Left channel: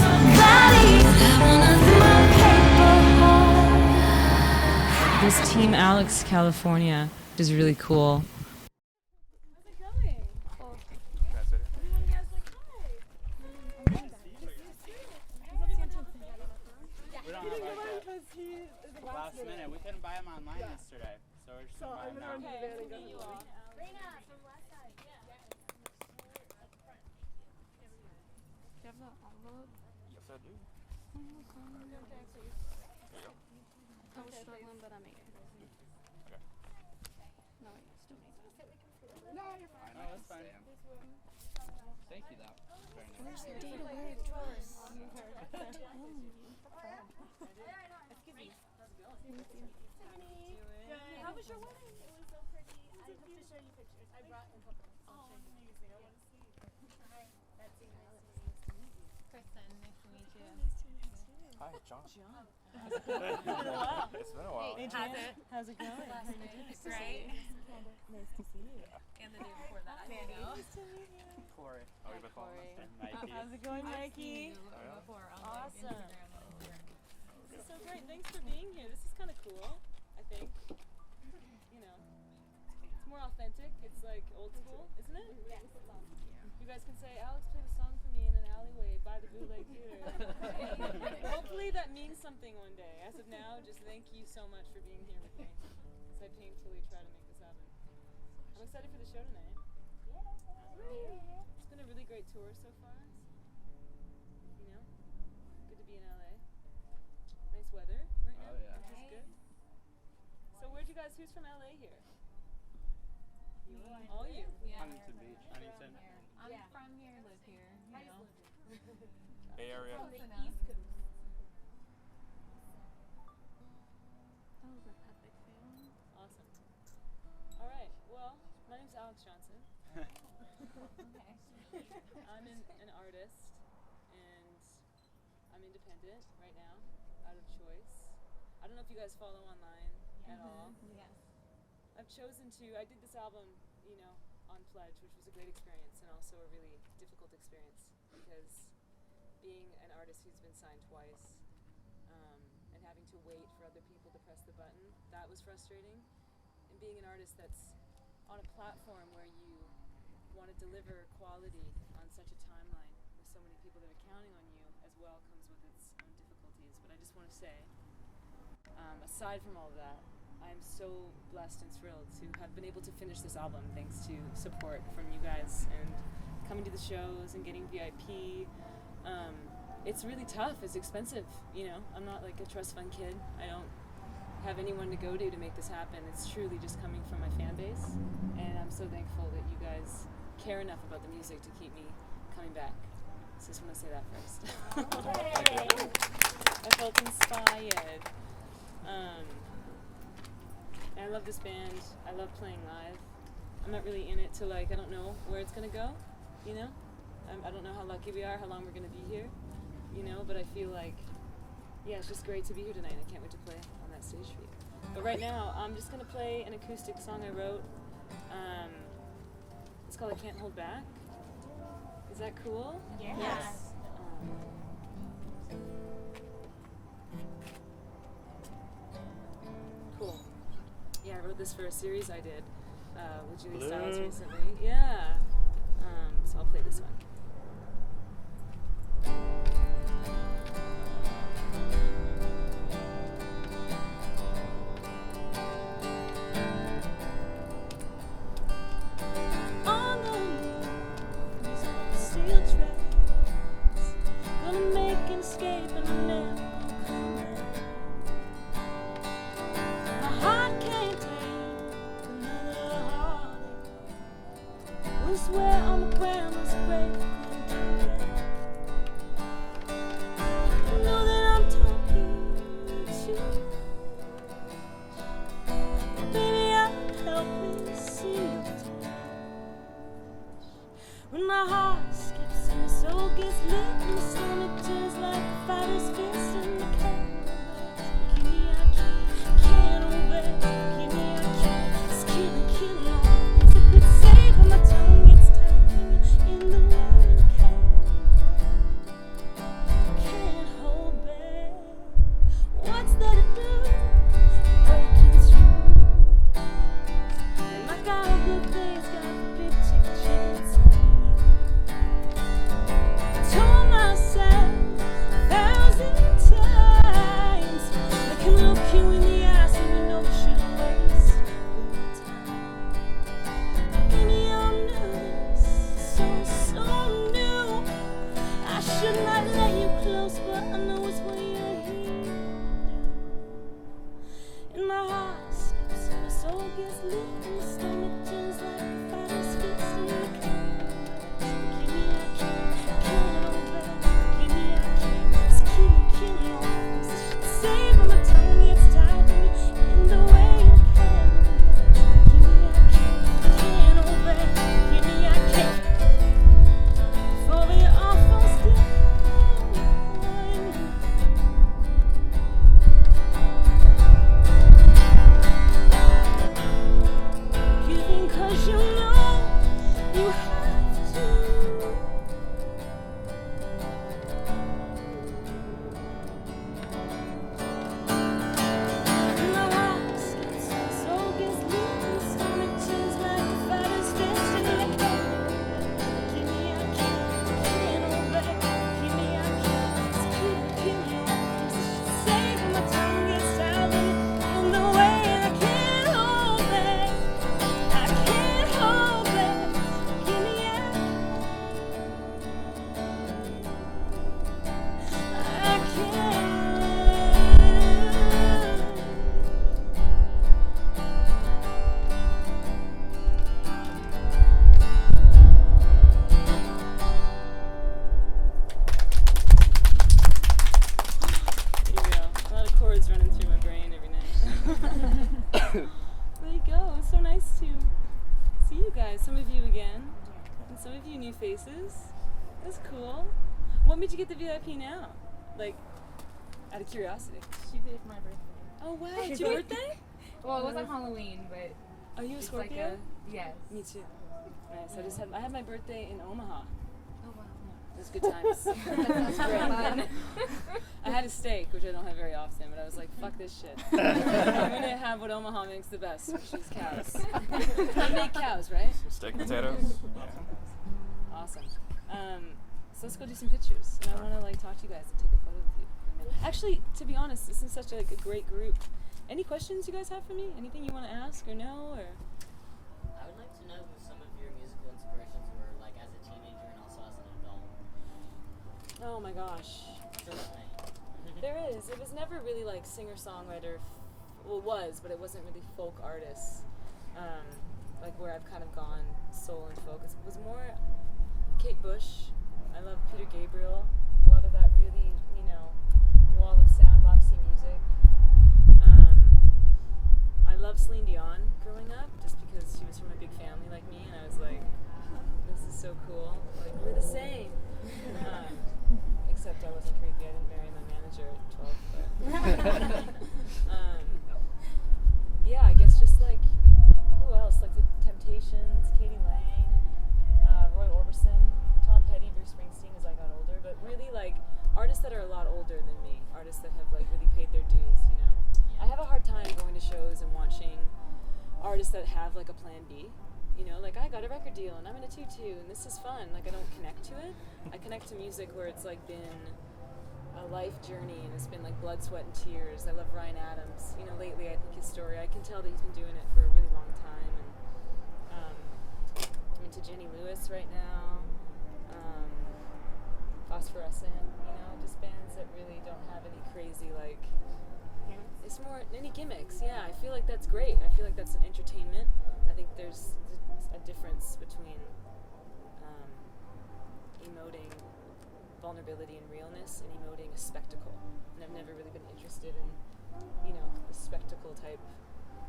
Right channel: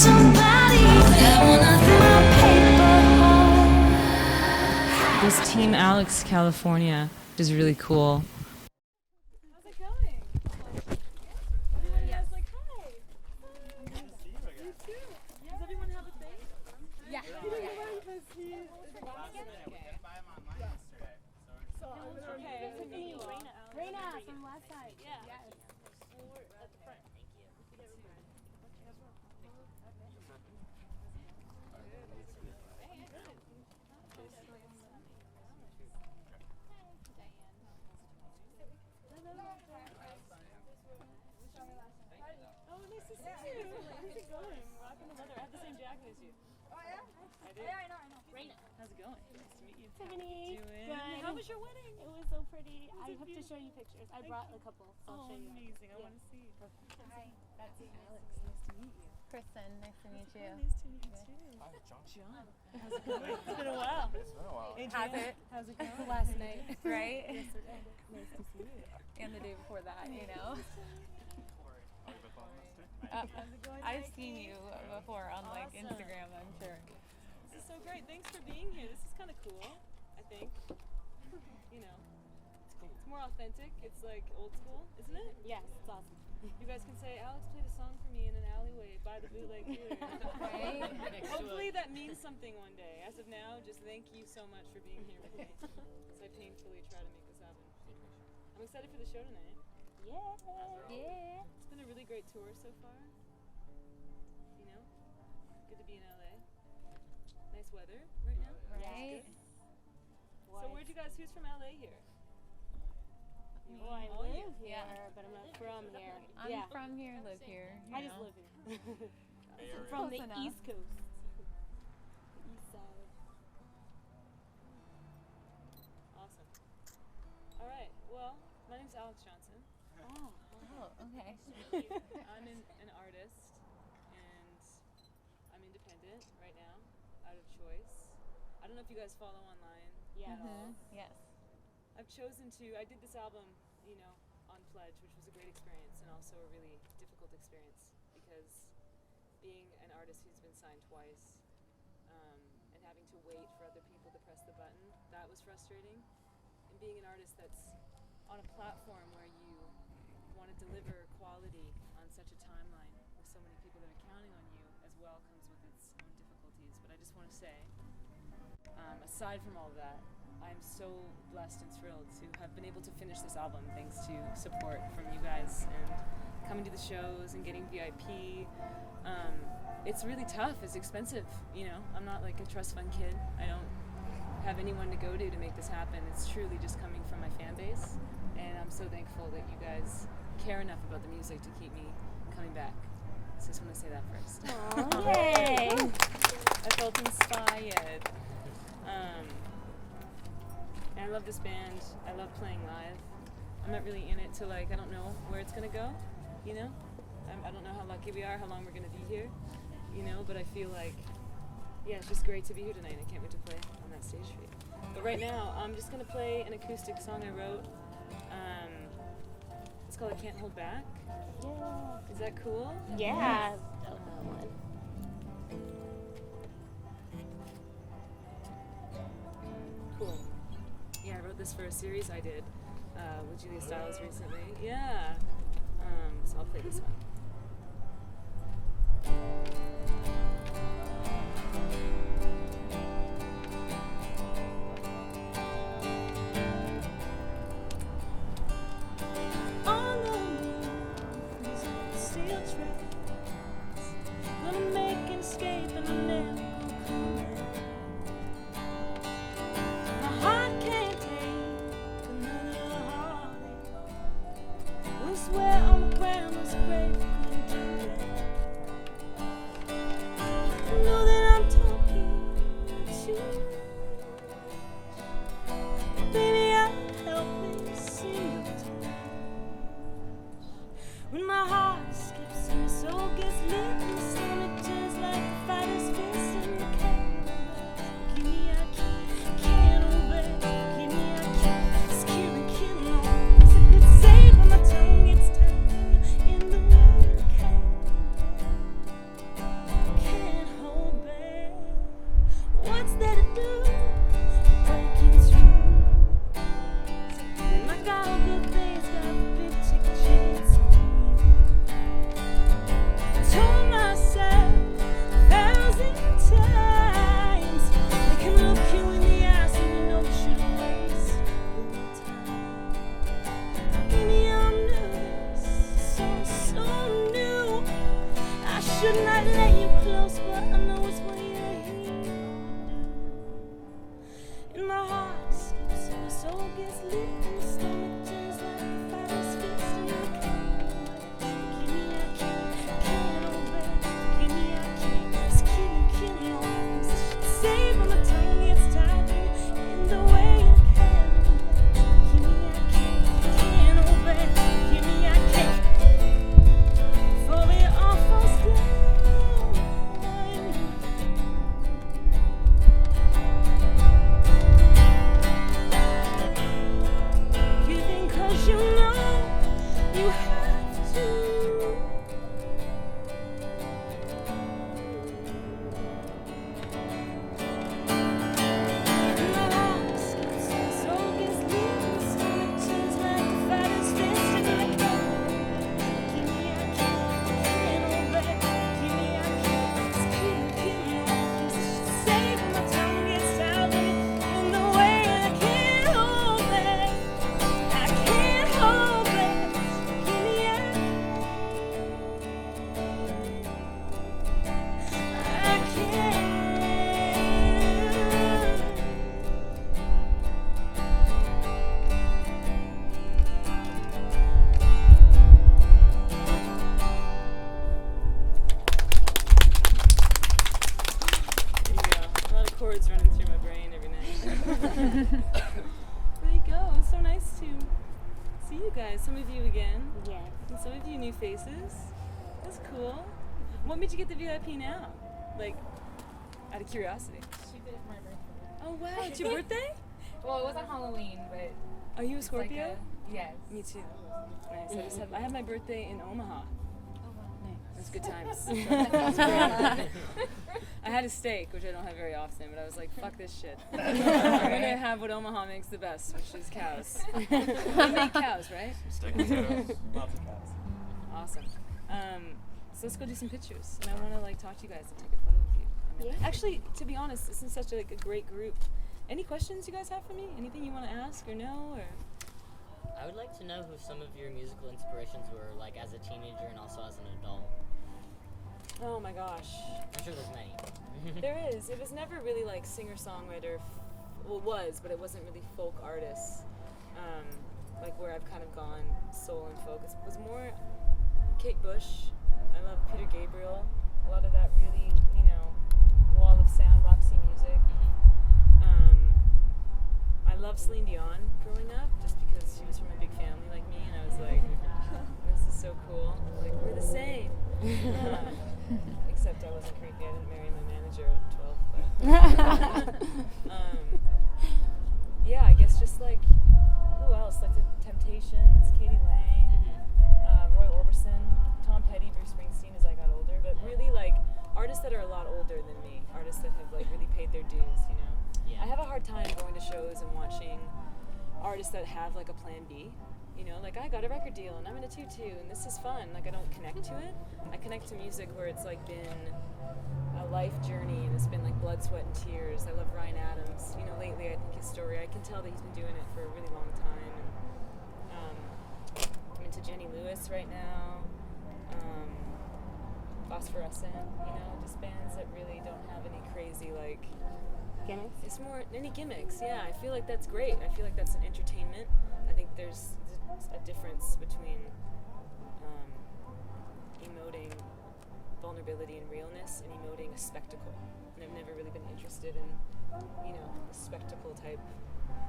somebody, but I wanna my paper heart. This Team Alexz California is really cool. How's it going? Everyone has like, hi. You too. Does everyone have a thing? Yeah. He didn't get one because he is a Last minute. We couldn't buy them online yesterday. So we're just I'm gonna okay. you all. Raina from last night. Yeah. How was your wedding? It was so pretty. I have to show you pictures. I brought a couple. So I'll show you. Amazing. I want to see. Hi, that's Alex. Nice to meet you. Kristen, nice to meet you. Nice to meet you too. Hi, John. How's it going? It's been a while. It's been a while. Adrian, how's it going? Last night, right? Nice to see you. And the day before that, you know. Corey. Oh, you've been following us too? How's it going, I've Nike? seen you before on like Awesome. Instagram, I'm sure. This is so great. Thanks for being here. This is kind of cool, I think. You know, it's more authentic. It's like old school, isn't it? Yes, it's awesome. You guys can say, Alex played a song for me in an alleyway by the Bootleg Theater. Hopefully that means something one day. As of now, just thank you so much for being here with me as I painfully try to make this happen. I'm excited for the show tonight. Yeah. It's been a really great tour so far. You know, good to be in LA. Nice weather right now, which Right. is good. So where'd you guys, who's from LA here? You Well, I all you? live here, Yeah. but I'm not from here. Yeah. I'm from here, live here. I just live here. Bay Area. From the Close enough. East Coast. East side. Awesome. All right. Well, my name's Alexz Johnson. Okay. I'm an artist, and I'm independent right now, out of choice. I don't know if you guys follow online at all. Yes. I've chosen to, I did this album, you know, on Pledge, which was a great experience and also a really difficult experience because being an artist who's been signed twice and having to wait for other people to press the button, that was frustrating. And being an artist that's on a platform where you want to deliver quality on such a timeline with so many people that are counting on you as well comes with its own difficulties. But I just want to say, aside from all of that, I'm so blessed and thrilled to have been able to finish this album thanks to support from you guys and coming to the shows and getting VIP. It's really tough, it's expensive, you know. I'm not like a trust fund kid. I don't have anyone to go to make this happen. It's truly just coming from my fan base, and I'm so thankful that you guys care enough about the music to keep me coming back. So I just want to say that first. Yay. I felt inspired. And I love this band. I love playing live. I'm not really in it to like, I don't know where it's gonna go, you know? I don't know how lucky we are, how long we're gonna be here, you know? But I feel like, yeah, it's just great to be here tonight. I can't wait to play on that stage for you. But right now, I'm just gonna play an acoustic song I wrote. It's called I Can't Hold Back. Is that cool? Yeah. Cool. Yeah, I wrote this for a series I did with Julia Stiles recently. Yeah. So I'll play this one. On the move, these old steel tracks, gonna make an escape and I'm never gonna come back. My heart can't take another heartache. We'll swear on the ground, let's break There you go. It's so nice to see you guys. Some of you again, Yeah. and some of you new faces. That's cool. What made you get the VIP now? Like, out of curiosity. She did it for my birthday. Oh wow, it's your birthday? Well, it wasn't Halloween, but Are you a it's like Scorpio? yes. Me too. Nice. I had my birthday in Omaha. Oh wow. It was good times. It was great. I had a steak, which I don't have very often, but I was like, fuck this shit. I'm gonna have what Omaha makes the best, which is cows. They make cows, right? Steak and potatoes. Awesome. So let's go do some pictures, and I want to like talk to you guys and take a photo with you. And then- Actually, to be honest, this is such a great group. Any questions you guys have for me? Anything you want to ask or know? Or I would like to know who some of your musical inspirations were, like as a teenager and also as an adult. oh my gosh. I'm sure there's many. There is. It was never really like singer-songwriter. Well, it was, but it wasn't really folk artists. Like where I've kind of gone soul and folk. It was more Kate Bush. I love Peter Gabriel. A lot of that really, wall of sound, Roxy music. I love Celine Dion growing up, just because she was from a big family like me, and I was like, this is so cool. Like we're the same. Except I wasn't creepy. I didn't marry my manager at 12. But yeah, I guess just like who else? Like the Temptations, Katie Lang, Roy Orbison, Tom Petty, Bruce Springsteen as I got older. But really like artists that are a lot older than me, artists that have like really paid their dues. Yeah. I have a hard time going to shows and watching artists that have like a plan B. Like I got a record deal and I'm in a tutu and this is fun. Like I don't connect to it. I connect to music where it's like been a life journey and it's been like blood, sweat, and tears. I love Ryan Adams. Lately I think his story, I can tell that he's been doing it for a really long time. And I'm into Jenny Lewis right now. Phosphorescent, just bands that really don't have any crazy like Gimmicks? It's more any gimmicks. Yeah, I feel like that's great. I feel like that's an entertainment. I think there's a difference between emoting vulnerability and realness and emoting a spectacle. And I've never really been interested in, the spectacle type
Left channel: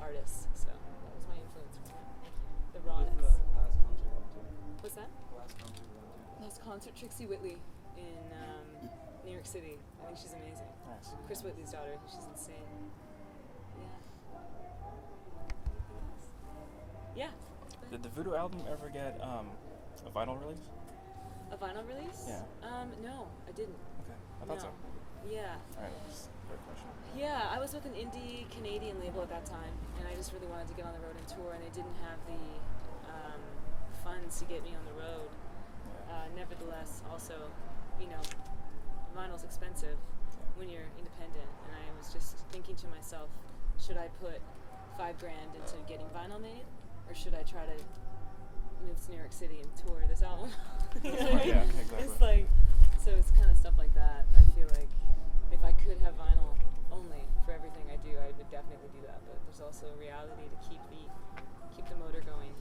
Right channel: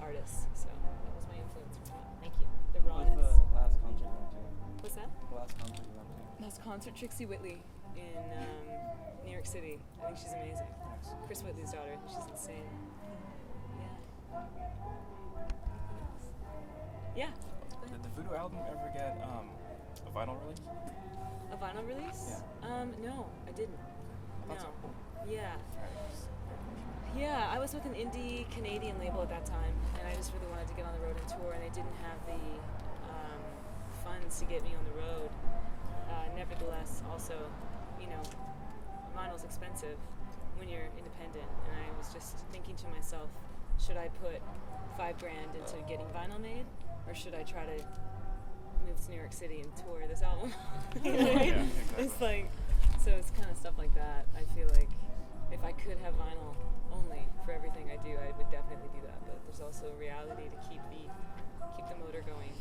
artists. So that was my influence from it. Thank you. The rawness. Last concert you went to? What's that? Last concert you went to? Last concert, Trixie Whitley in New York City. I think she's amazing. Nice. Chris Whitley's daughter. I think she's insane. Yeah. Anything else? Yeah. Did the Voodoo album ever get a vinyl release? A vinyl release? Yeah. No, I didn't. Okay. I thought so. Yeah. Alright, just a quick question. Yeah, I was with an indie Canadian label at that time, and I just really wanted to get on the road and tour, and they didn't have the funds to get me on the road. Nevertheless, also, vinyl's expensive when you're independent, and I was just thinking to myself, should I put $5,000 into getting vinyl made, or should I try to move to New York City and tour this album? Yeah, exactly. It's like, so it's kind of stuff like that. I feel like if I could have vinyl only for everything I do, I would definitely do that. But there's also a reality to keep the motor going.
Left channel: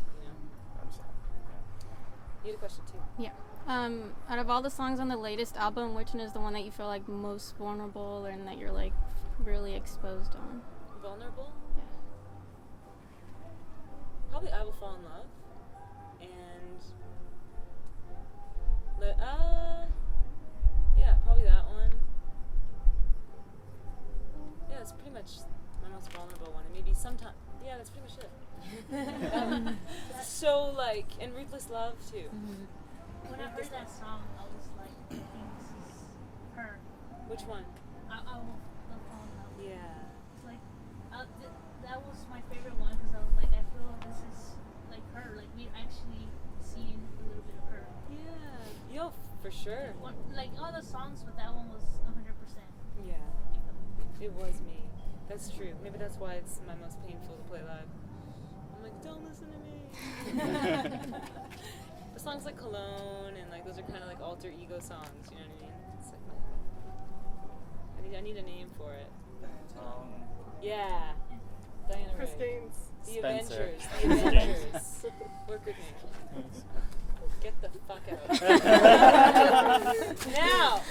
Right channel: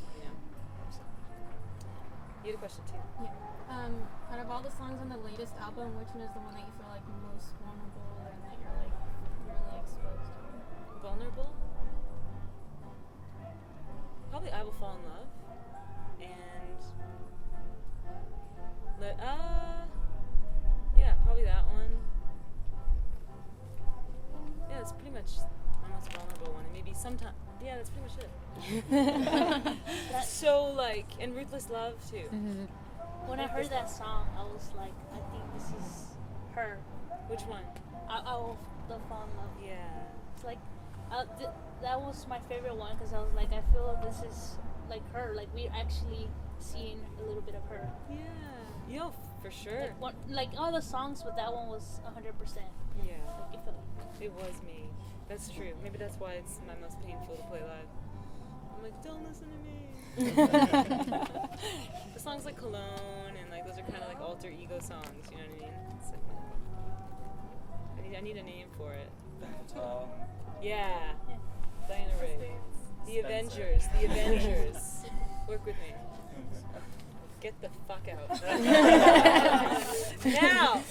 You had a question too. Yeah. Out of all the songs on the latest album, which one is the one that you feel like most vulnerable and that you're like really exposed on? Vulnerable? Probably I Will Fall in Love. And yeah, probably that one. Yeah, that's pretty much my most vulnerable one. And maybe sometime, yeah, that's pretty much it. So like, and Ruthless Love too. When I heard that song, I was like, I think this is her. Which one? I will fall in love. Yeah. It's like, that was my favorite one because I was like, I feel like this is like her. Like we're actually seeing a little bit of her. Yeah. Yo, for sure. Like all the songs, but that one was 100%. Yeah. Like, It was me. That's true. Maybe that's why it's my most painful to play live. I'm like, don't listen to me. The songs like Cologne and like those are kind of like alter ego songs. You know what I mean? It's like I need a name for it. Yeah. Diana Rigg. The Avengers. The Avengers. Work with me. Get the fuck out. Now.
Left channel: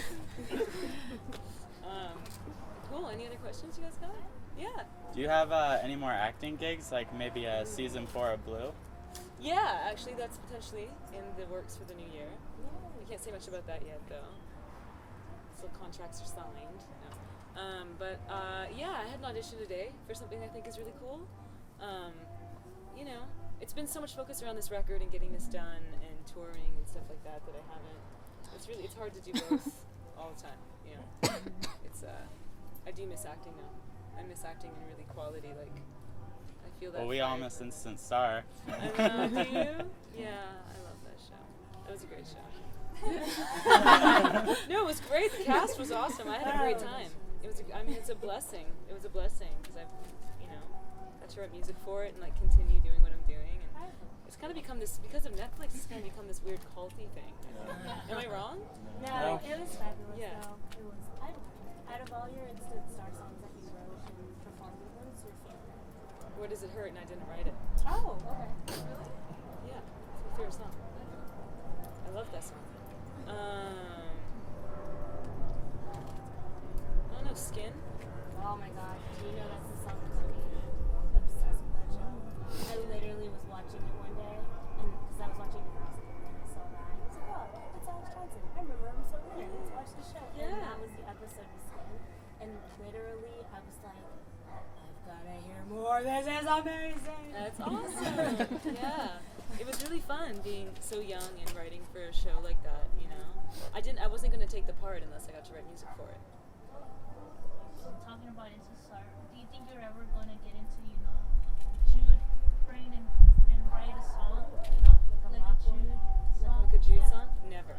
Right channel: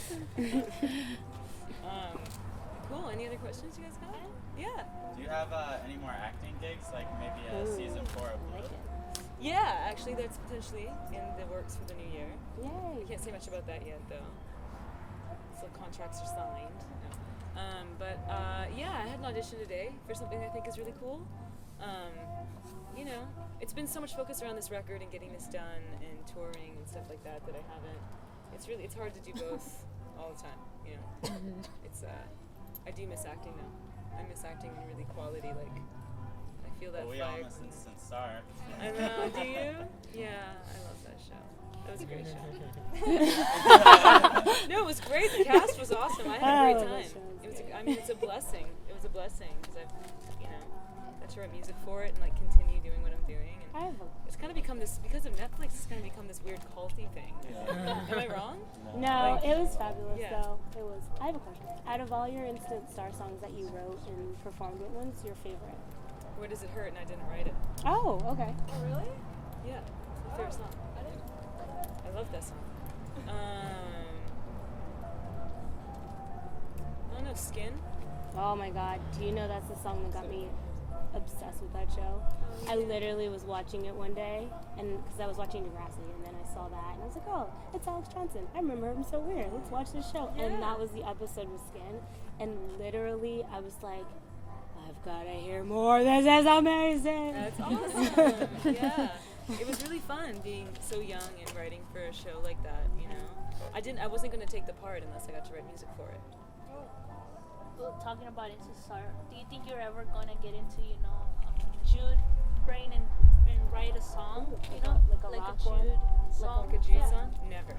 Cool. Any other questions you guys got? Yeah. Do you have any more acting gigs, like maybe a season 4 of Blue? Yeah, actually, that's potentially in the works for the new year. Yay. I can't say much about that yet, though. So contracts are signed. No. Yeah, I had an audition today for something I think is really cool. You know, it's been so much focus around this record and getting this done and touring and stuff like that I haven't. It's hard to do both all the time. You know, I do miss acting though. I miss acting in really quality, like. I feel that. Well, we all miss Instant Star. I know, do you? Yeah, I love that show. That was a great show. No, it was great. The cast was awesome. I had a great time. It's a blessing. It was a blessing because I've, got to write music for it and like continue doing what I'm doing. And it's kind of become this, because of Netflix, it's kind of become this weird culty thing. Yeah. Am I wrong? No, it was fabulous Yeah. though. It was. I have a question. Out of all your Instant Star songs that you wrote and performed with, what's your favorite? Where Does It Hurt? And I didn't write it. Oh, okay. Really? Yeah, it's my favorite song. I love that song. I don't know, Skin? Oh my god. Do you know that's the song that got me obsessed with that show? I literally was watching it one day, and because I was watching Degrassi, and then I saw that, and I was like, oh, it's Alex Johnson. I remember him so weird. Let's watch this show. Yeah. And that was the episode with Skin, and literally I was like, I've gotta hear more. This is amazing. That's awesome. Yeah. It was really fun being so young and writing for a show like that, I wasn't gonna take the part unless I got to write music for it. Well, talking about Instant Star, do you think you're ever gonna get into, Jude brain and write a song? Like a rock one? Jude song? Like a Jude Yeah. song? Never.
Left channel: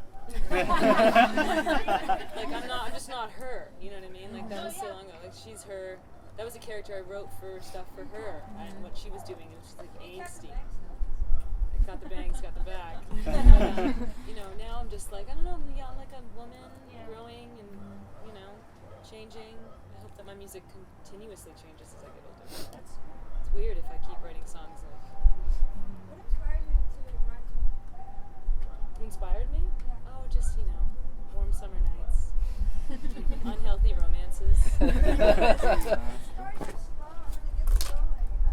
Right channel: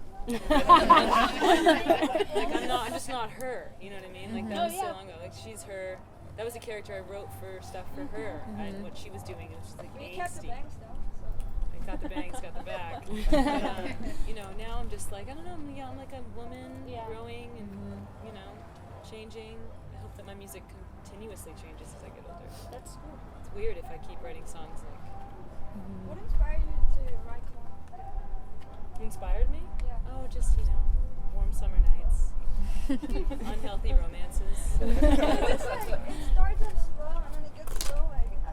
I'm just not her, you know what I mean? Like that was so long ago. Like she's her, that was a character I wrote for stuff for her and what she was doing, it was just like angsty. I got the bangs, got the back. Now I'm just like, I don't know, I'm like a woman growing and, changing. I hope that my music continuously changes as I get older. That's cool. It's weird if I keep writing songs like. What inspired you to write Cologne? Who inspired me? Yeah. Oh, just, warm summer nights. Unhealthy romances. It starts like slow and then it gets slow, like, I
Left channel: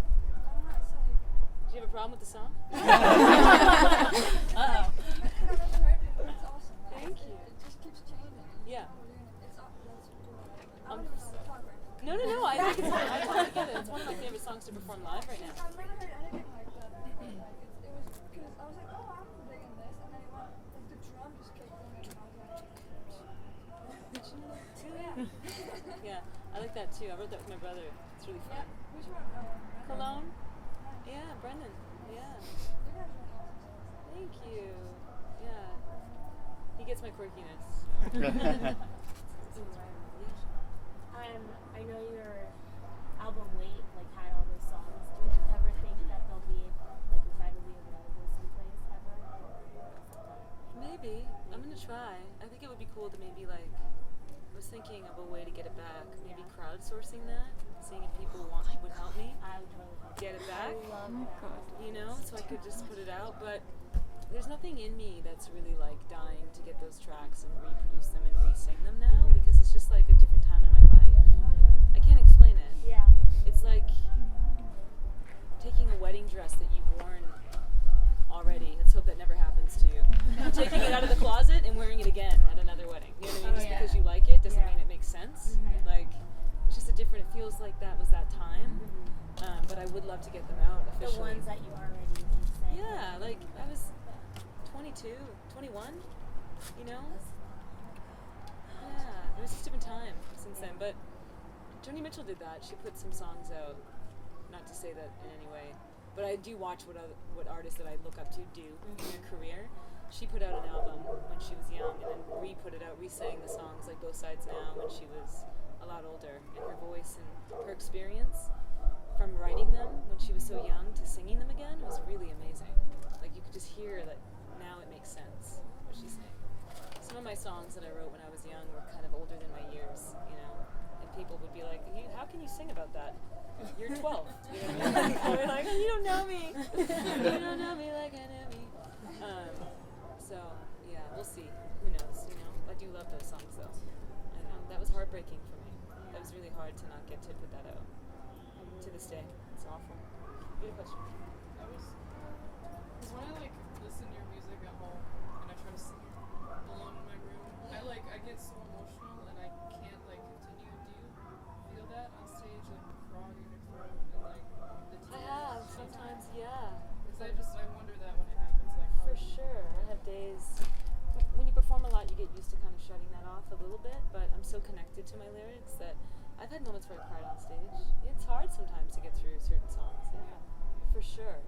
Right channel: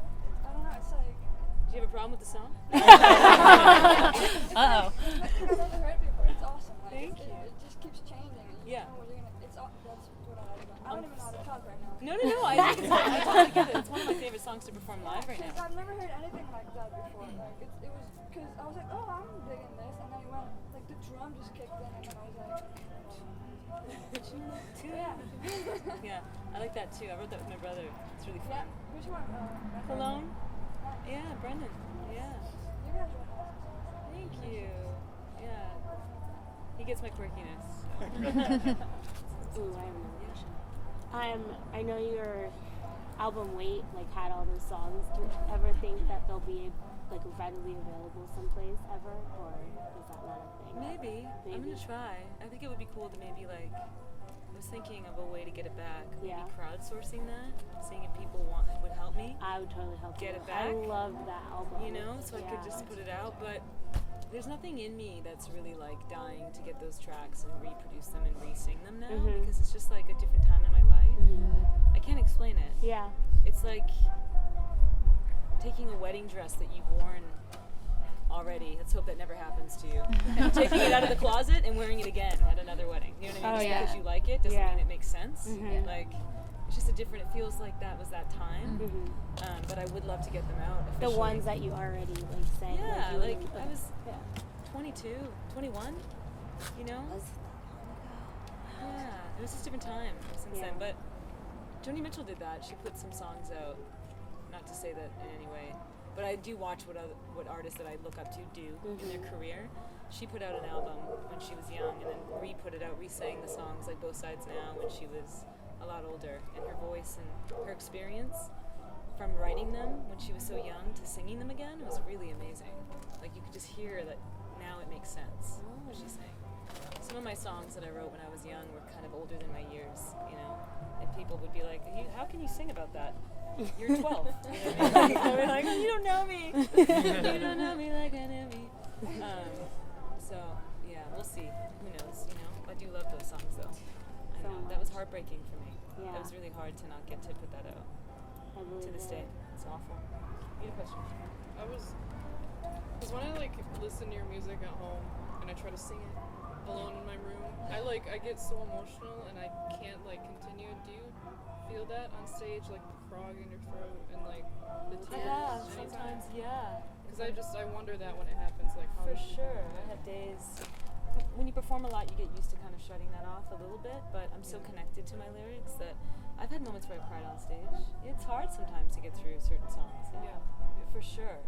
don't know, it's like. Do you have a problem with the song? Uh-oh. I've never heard it, but it's awesome. Like, Thank you. It just keeps changing. And you Yeah. know what you're gonna, that's what I love about it. I don't even know how to talk right now. No, I think I totally get it. It's one of my favorite songs to perform live right now. I've never heard anything like that before. Like, it was, because I was like, oh, I'm digging this, and then it went, like, the drum just kicked in, and then I was like, Yeah, I like that too. I wrote that with my brother. It's really fun. which one? Cologne? Yeah, Brendan. Yeah. You guys are awesome. Thank you. Yeah. He gets my quirkiness. Ooh, I have another question. I know your album Wait had all those songs. Do you ever think that they'll be readily available someplace ever, or is that not a thing? Maybe. I'm gonna try. I think it would be cool to maybe I was thinking of a way to get it back. Maybe crowdsourcing that, seeing if people would help me. I would totally help Get you. it back. I love that album. So I could just put it out, but there's nothing in me that's really dying to get those tracks and reproduce them and re-sing them now because it's just like a different time in my life. I can't explain it. Yeah. It's like taking a wedding dress that you've worn already. Let's hope that never happens to you. Taking it out of the closet and wearing it again at another wedding. You know what I mean? Just because you like it doesn't mean it makes sense. It's just it feels like that was that time. But I would love to get them out officially. The ones that you already sang. Yeah, I was 22, 21, Yeah, it was just a different time since then. But Joni Mitchell did that. She put some songs out. Not to say that in any way, but I do watch what artists that I look up to do in their career. She put out an album when she was young, and then re-put it out, re-sang the songs like Both Sides Now when she was a lot older, and her voice and her experience from writing them when she was so young to singing them again was really amazing. You could just hear that now it makes sense what she's saying. Some of my songs that I wrote when I was young were kind of older than my years, and people would be like, how can you sing about that? You're 12. You know what I mean? So we're like, you don't know me. You don't know me like I know me. So, yeah, we'll see. Who knows, I do love those songs, though. I know. That was heartbreaking for me. Yeah. That was really hard to not get to put that out. to this day. It's awful. You had a question? Because when I listen to your music at home and I try to sing it alone in my room, I get so emotional and I can't continue. Do you feel that on stage, the frog in your throat and the tears? I have sometimes, yeah. Because I wonder that when it happens, how For sure. I have days. When you perform a lot, you get used to kind of shutting that off a little bit, but I'm so connected to my lyrics that I've had moments where I cried on stage. It's hard sometimes to get through certain songs, yeah. For sure.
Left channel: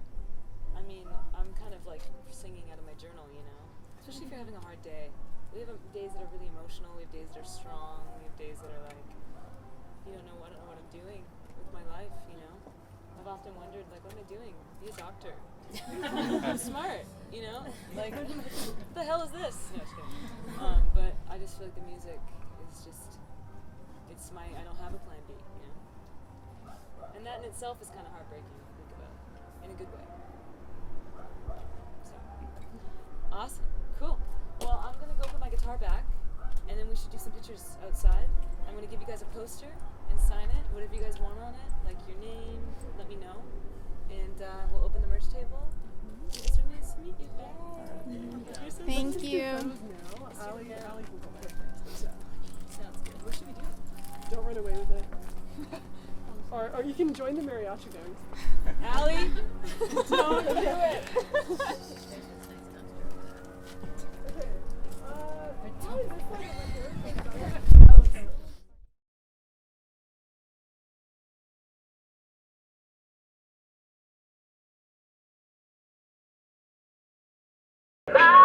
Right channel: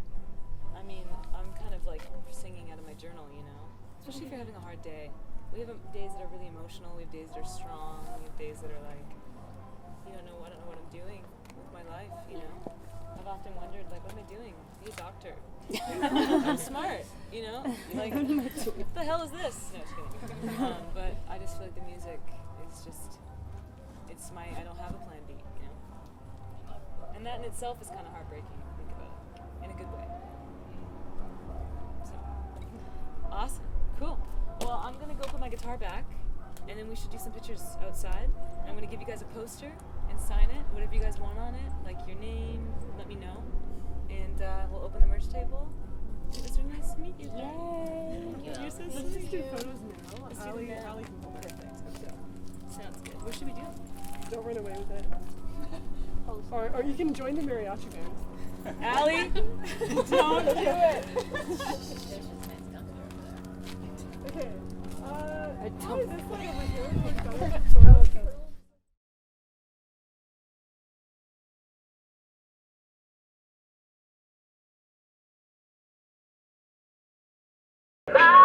I mean, I'm kind of singing out of my journal, especially if you're having a hard day. We have days that are really emotional, we have days that are strong, we have days that are I don't know what I'm doing with my life, I've often wondered, what am I doing? Be a doctor. I'm smart, what the hell is this? No, just kidding. But I just feel like the music is just, I don't have a plan B, And that in itself is kind of heartbreaking if you think about it, in a good way. So, awesome, cool. Well, I'm gonna go put my guitar back, and then we should do some pictures outside. I'm gonna give you guys a poster and sign it, whatever you guys want on it, your name, let me know. And we'll open the merch table. It was really nice to meet you. Yay! You're so Thank sweet. you. Allie can hold it. Sounds good. What should we do? Don't run away with it. Or you can join the mariachi band. Allie, don't do it. Okay. Probably this side over here. Bye.